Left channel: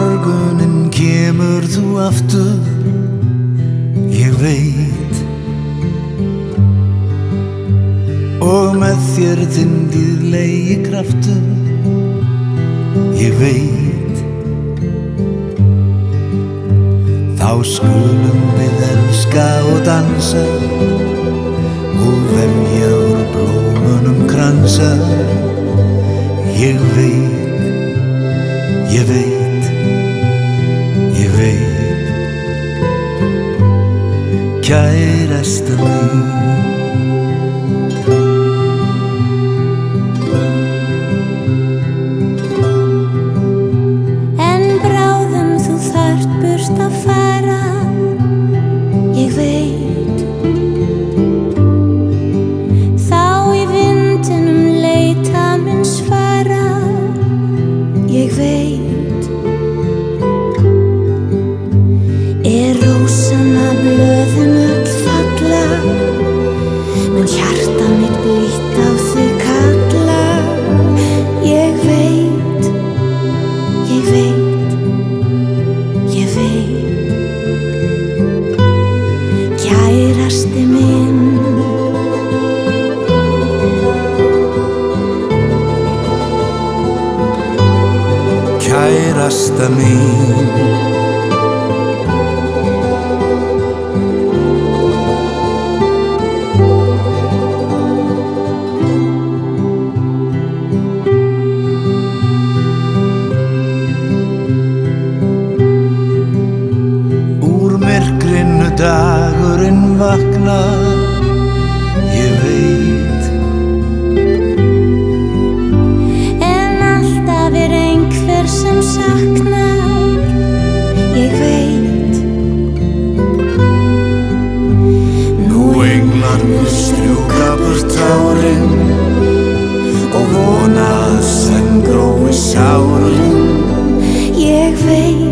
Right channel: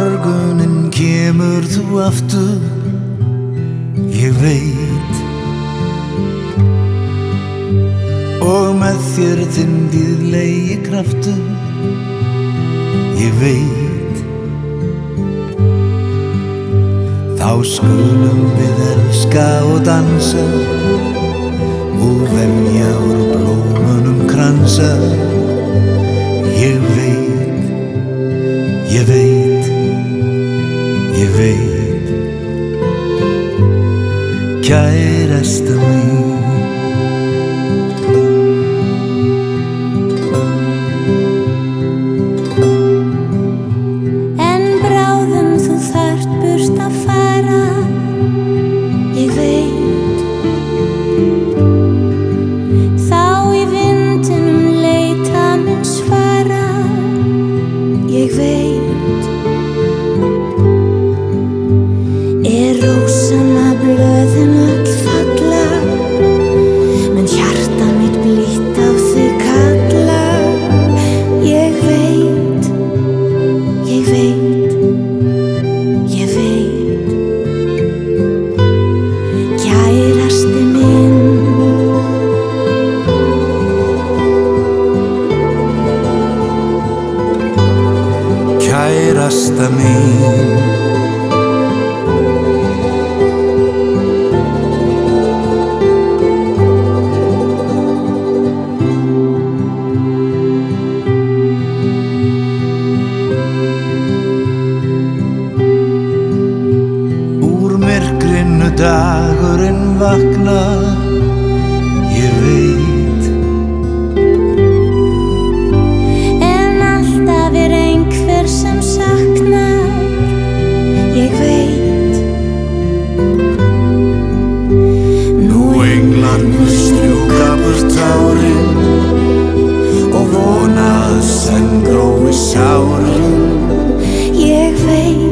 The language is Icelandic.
morguninn kemur þú aftur, ég veit, og með þér þinn dýrlegi kraftur, ég veit. Þá skulum við elska og dansa og vefja úr blómunum kransa, ég veit, ég veit, ég veit. Kærasta mín, en bráðum þú þarft burt að fara, ég veit. Þá í vindinum leita minn svara, ég veit. Rósanna blöðin öll falla, menn hjarta mitt blítt á þig kalla, ég veit, ég veit, ég veit. Kærasti minn, kærasta mín. Myrkrinu dagurinn vaknar, ég veit. En alltaf einhver sem saknar, ég veit. Nú englarnir strjúka burt tárin og vona að senn grói sárin, ég veit.